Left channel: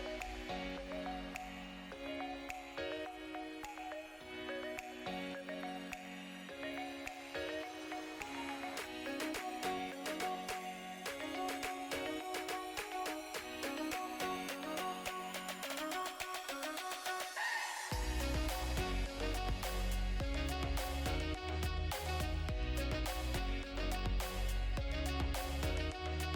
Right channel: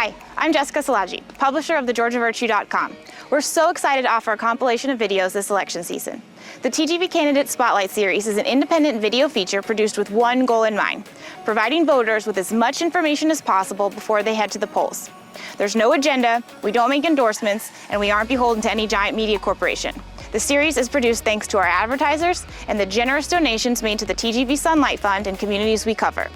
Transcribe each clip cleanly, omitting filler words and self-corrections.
Hi, I'm Jessica Salaji, publisher of thegeorgiavirtue.com. We're so excited to offer a compilation of videos this election season. The TGV Candidate Spotlight Series is an independent video feature produced with one goal in mind: providing voters with as much information as possible before they head to the polls. There's no agenda, we don't make endorsements, and we aren't beholden to any giant media corporation. The series is produced thanks to our advertisers and the generous donations made to the TGV Sunlight Fund and communities we cover.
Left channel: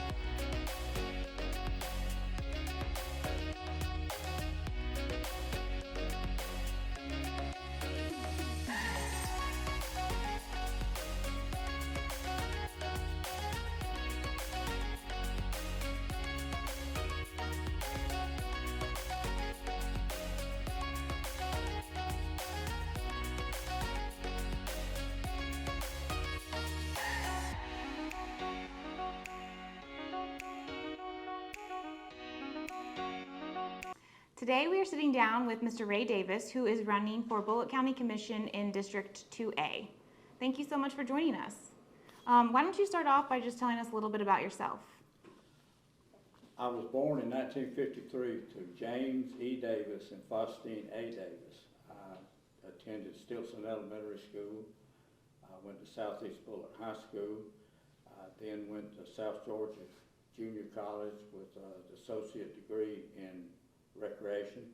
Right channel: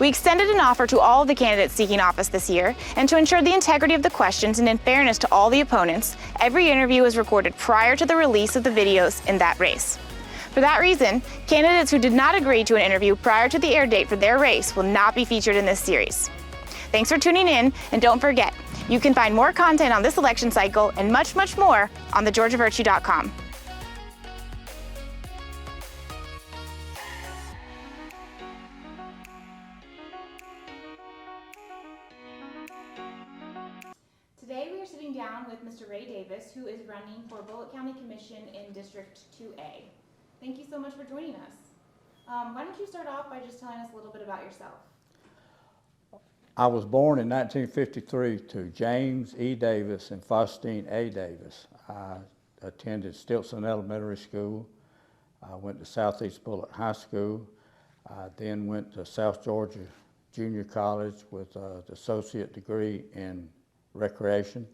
We extended an offer to all of the candidates seeking office this year, and to ensure the integrity of the questions and in fairness to all the opponents, every interview is recorded prior to the release of the videos in that race. For that reason, candidates who did not agree to an interview prior to the air date for their race will not be featured in this series. Thanks for tuning in, and don't forget, you can find more content on this election cycle and much, much more on thegeorgiavirtue.com. Today we are sitting down with Mr. Ray Davis, who is running for Bulloch County Commission in District 2A. Thank you so much for joining us. Why don't you start off by just telling us a little bit about yourself? I was born in 1953 to James E. Davis and Faustine A. Davis. I attended Stilson Elementary School. I went to Southeast Bulloch High School. I then went to South Georgia Junior College with an associate degree in recreation.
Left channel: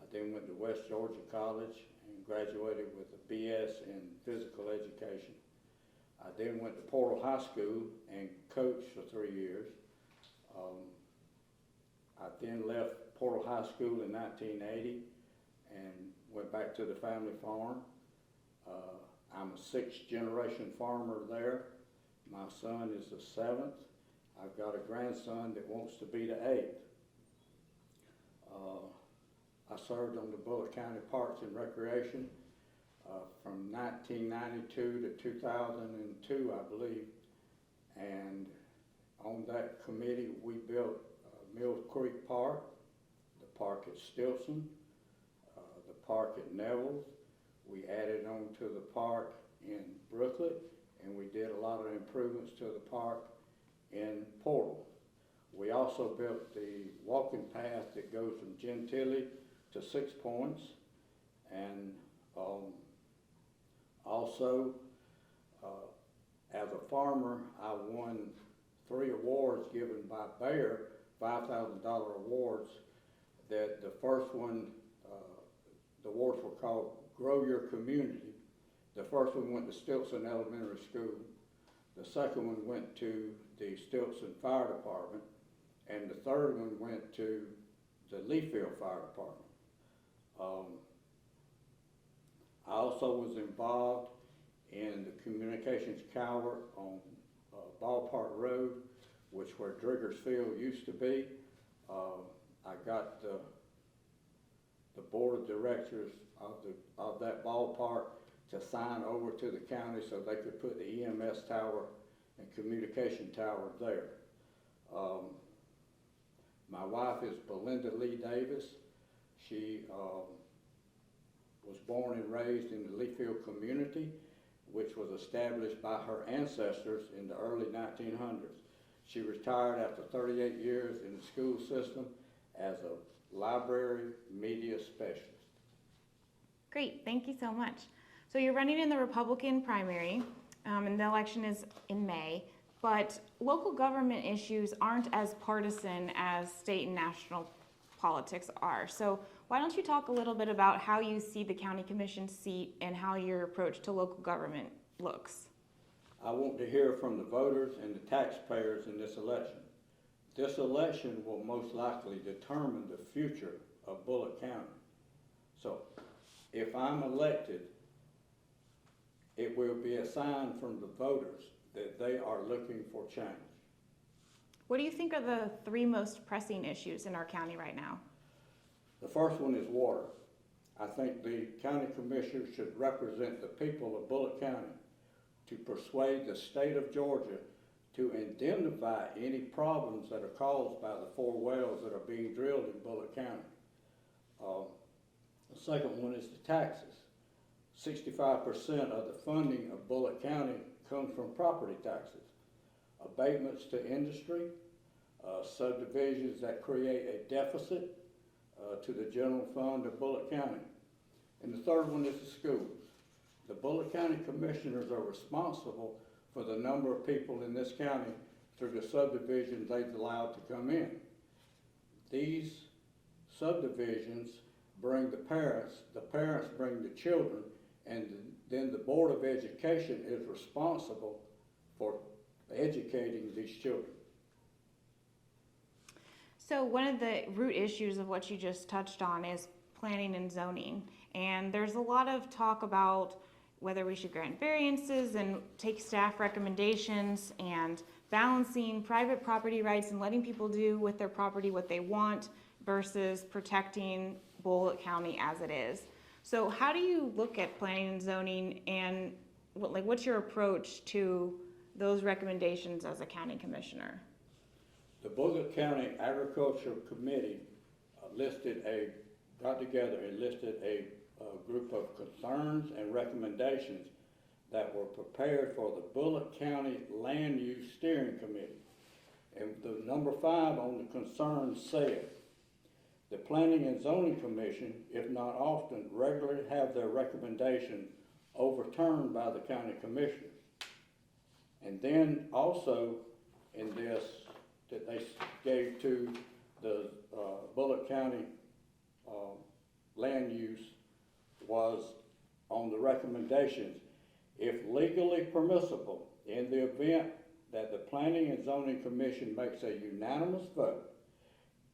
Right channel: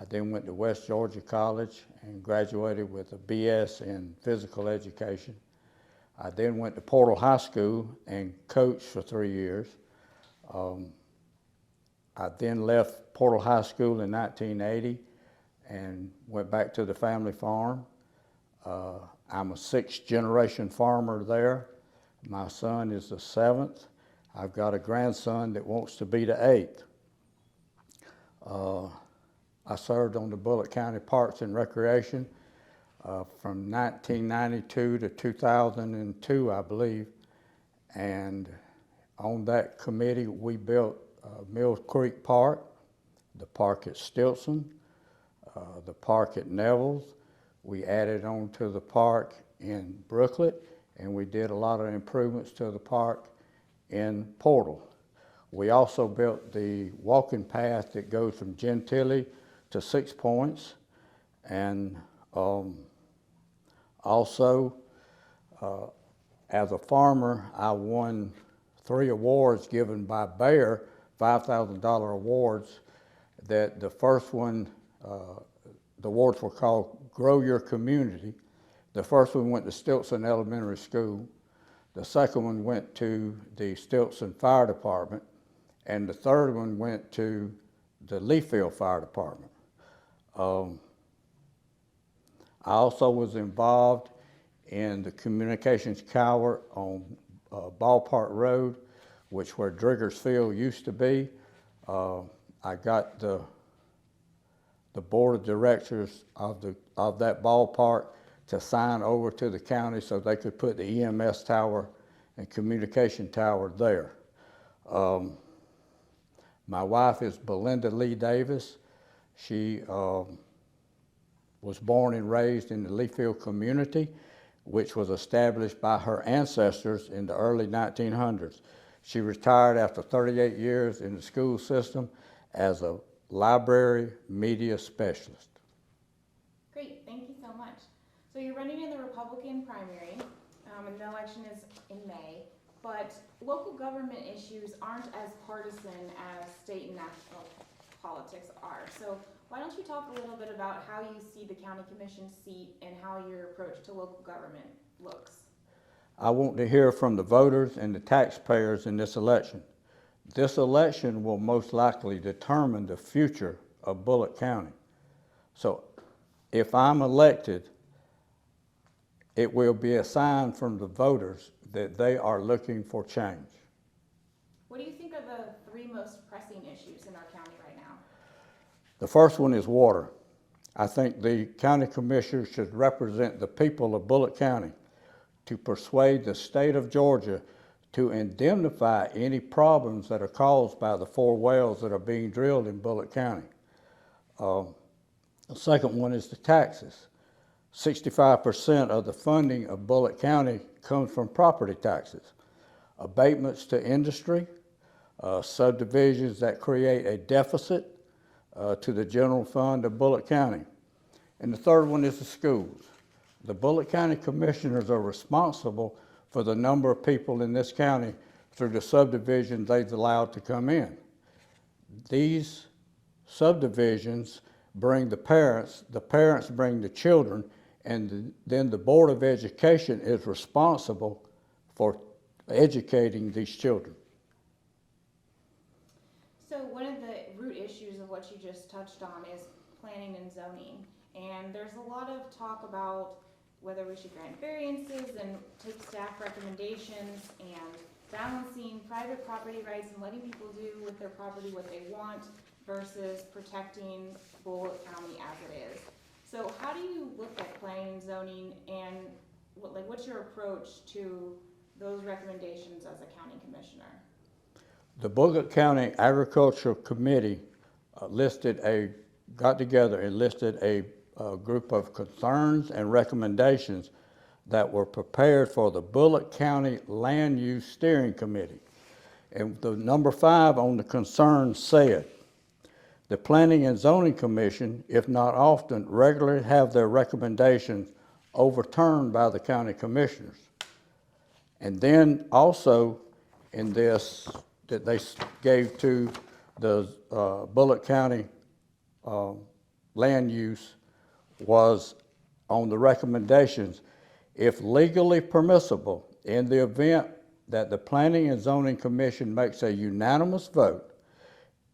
I then went to West Georgia College and graduated with a BS in physical education. I then went to Portal High School and coached for 3 years. I then left Portal High School in 1980 and went back to the family farm. I'm a sixth-generation farmer there. My son is the seventh. I've got a grandson that wants to be the eighth. I served on the Bulloch County Parks and Recreation from 1992 to 2002, I believe. And on that committee, we built Mills Creek Park, the park at Stilson, the park at Neville's. We added on to the park in Brooklet, and we did a lot of improvements to the park in Portal. We also built the walking path that goes from Gentilly to 6 Points, and also as a farmer, I won 3 awards given by Bayer, $5,000 awards. That the first one, the awards were called Grow Your Community. The first one went to Stilson Elementary School. The second one went to the Stilson Fire Department. And the third one went to the Leafield Fire Department. I also was involved in the communications tower on Ballpark Road, which where Driggers Field used to be. I got the board of directors of that ballpark to sign over to the county so they could put the EMS tower and communication tower there. My wife is Belinda Lee Davis. She was born and raised in the Leafield community, which was established by her ancestors in the early 1900s. She retired after 38 years in the school system as a library media specialist. Great, thank you so much. So you're running in the Republican primary, and the election is in May. But local government issues aren't as partisan as state and national politics are. So why don't you talk a little bit about how you see the county commission seat and how your approach to local government looks? I want to hear from the voters and the taxpayers in this election. This election will most likely determine the future of Bulloch County. So if I'm elected, it will be a sign from the voters that they are looking for change. What do you think are the 3 most pressing issues in our county right now? The first one is water. I think the county commissioners should represent the people of Bulloch County to persuade the state of Georgia to indemnify any problems that are caused by the 4 wells that are being drilled in Bulloch County. The second one is the taxes. 65% of the funding of Bulloch County comes from property taxes. Abatements to industry, subdivisions that create a deficit to the general fund of Bulloch County. And the third one is the schools. The Bulloch County Commissioners are responsible for the number of people in this county through the subdivisions they've allowed to come in. These subdivisions bring the parents bring the children, and then the Board of Education is responsible for educating these children. So one of the root issues of what you just touched on is planning and zoning. And there's a lot of talk about whether we should grant variances and take staff recommendations and balancing private property rights and letting people do with their property what they want versus protecting Bulloch County as it is. So how do you look at planning and zoning, and what's your approach to those recommendations as a county commissioner? The Bulloch County Agricultural Committee got together and listed a group of concerns and recommendations that were prepared for the Bulloch County Land Use Steering Committee. And the number 5 on the concerns said, the Planning and Zoning Commission, if not often, regularly have their recommendations overturned by the county commissioners. And then also in this that they gave to the Bulloch County land use was on the recommendations, if legally permissible, in the event that the Planning and Zoning Commission makes a unanimous vote,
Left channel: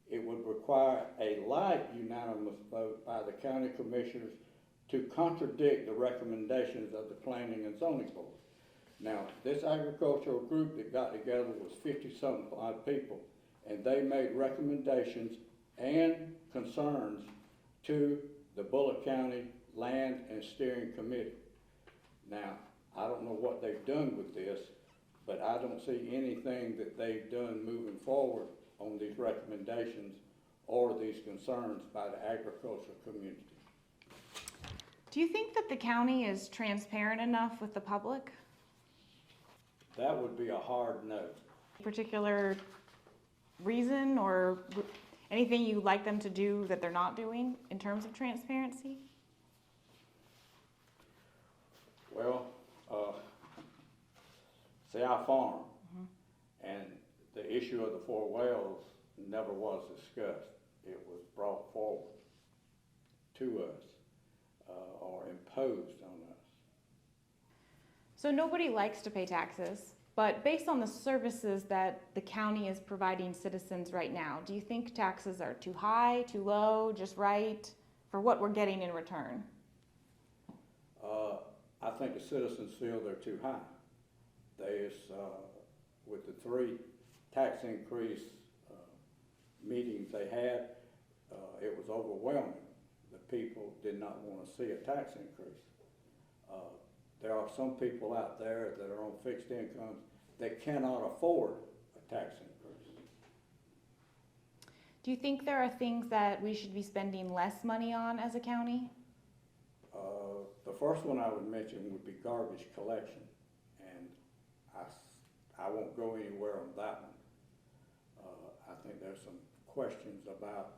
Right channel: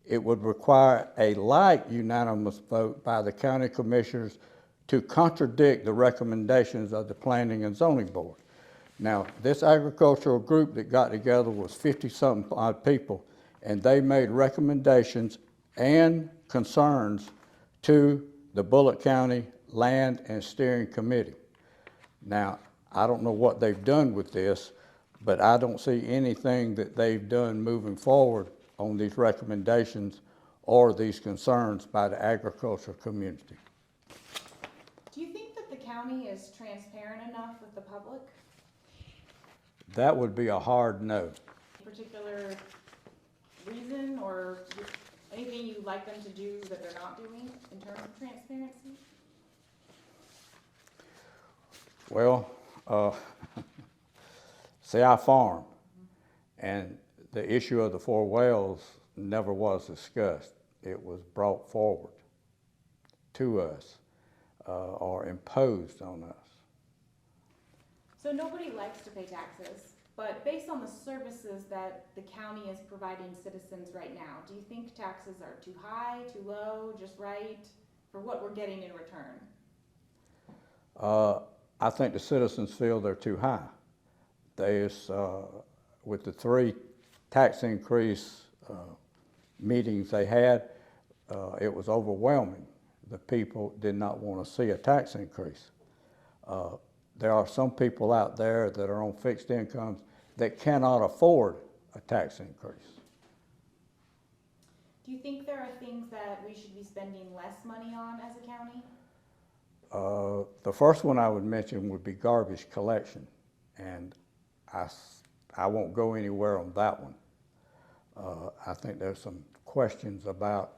it would require a like unanimous vote by the county commissioners to contradict the recommendations of the Planning and Zoning Board. Now, this agricultural group that got together was 50-something odd people, and they made recommendations and concerns to the Bulloch County Land and Steering Committee. Now, I don't know what they've done with this, but I don't see anything that they've done moving forward on these recommendations or these concerns by the agricultural community. Do you think that the county is transparent enough with the public? That would be a hard no. Particular reason or anything you'd like them to do that they're not doing in terms of transparency? Well, see, I farm, and the issue of the 4 wells never was discussed. It was brought forward to us or imposed on us. So nobody likes to pay taxes, but based on the services that the county is providing citizens right now, do you think taxes are too high, too low, just right, for what we're getting in return? I think the citizens feel they're too high. With the 3 tax increase meetings they had, it was overwhelming. The people did not want to see a tax increase. There are some people out there that are on fixed incomes that cannot afford a tax increase. Do you think there are things that we should be spending less money on as a county? The first one I would mention would be garbage collection, and I won't go anywhere on that one. I think there's some questions about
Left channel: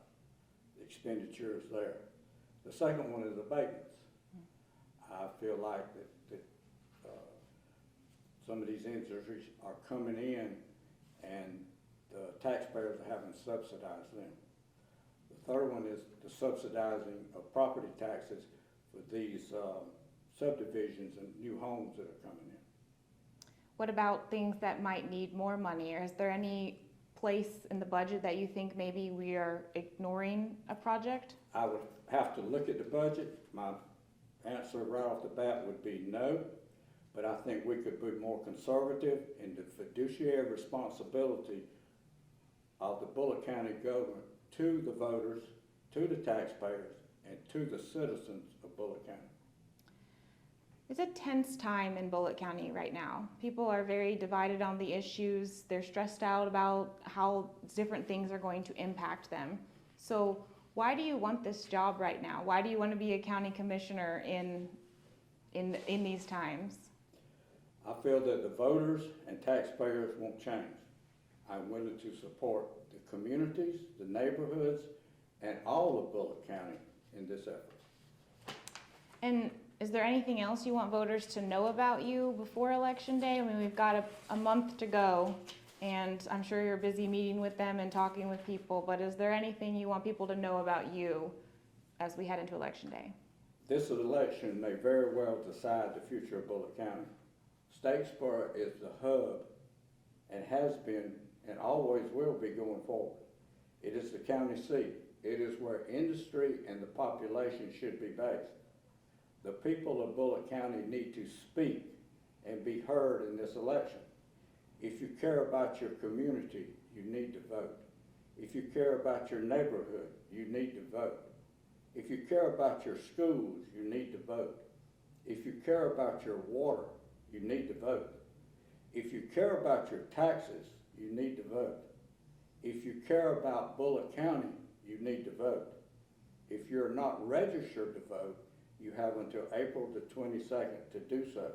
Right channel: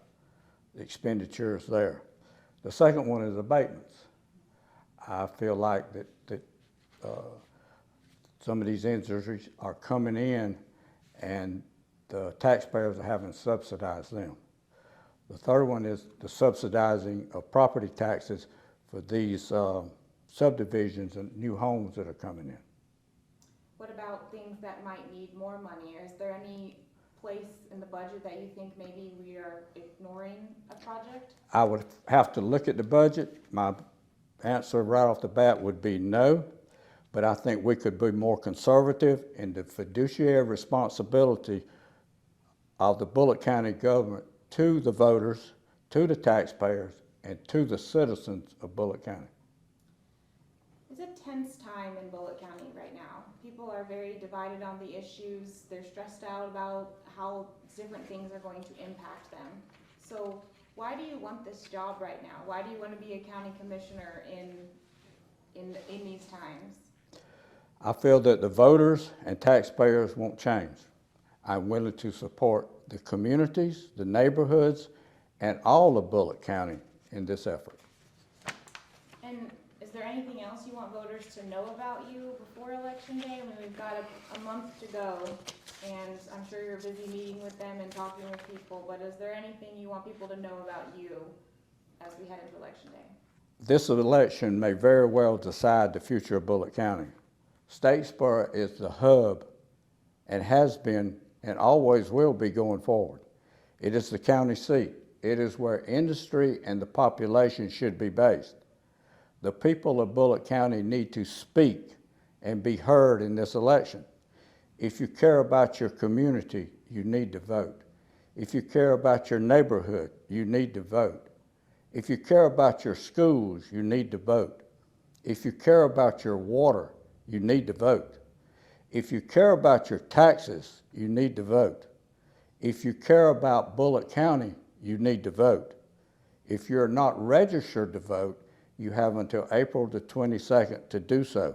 the expenditures there. The second one is abatements. I feel like that some of these industries are coming in and the taxpayers are having to subsidize them. The third one is the subsidizing of property taxes for these subdivisions and new homes that are coming in. What about things that might need more money? Or is there any place in the budget that you think maybe we are ignoring a project? I would have to look at the budget. My answer right off the bat would be no, but I think we could be more conservative in the fiduciary responsibility of the Bulloch County government to the voters, to the taxpayers, and to the citizens of Bulloch County. It's a tense time in Bulloch County right now. People are very divided on the issues. They're stressed out about how different things are going to impact them. So why do you want this job right now? Why do you want to be a county commissioner in these times? I feel that the voters and taxpayers won't change. I'm willing to support the communities, the neighborhoods, and all of Bulloch County in this effort. And is there anything else you want voters to know about you before Election Day? I mean, we've got a month to go, and I'm sure you're busy meeting with them and talking with people, but is there anything you want people to know about you as we head into Election Day? This election may very well decide the future of Bulloch County. Statesboro is the hub and has been and always will be going forward. It is the county seat. It is where industry and the population should be based. The people of Bulloch County need to speak and be heard in this election. If you care about your community, you need to vote. If you care about your neighborhood, you need to vote. If you care about your schools, you need to vote. If you care about your water, you need to vote. If you care about your taxes, you need to vote. If you care about Bulloch County, you need to vote. If you're not registered to vote, you have until April the 22nd to do so.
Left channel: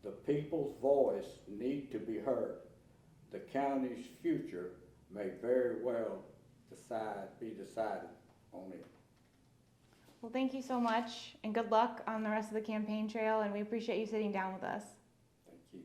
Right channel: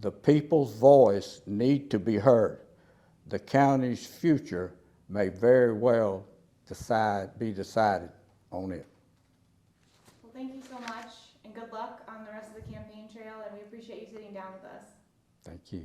The people's voice needs to be heard. The county's future may very well be decided on it. Well, thank you so much, and good luck on the rest of the campaign trail, and we appreciate you sitting down with us. Thank you.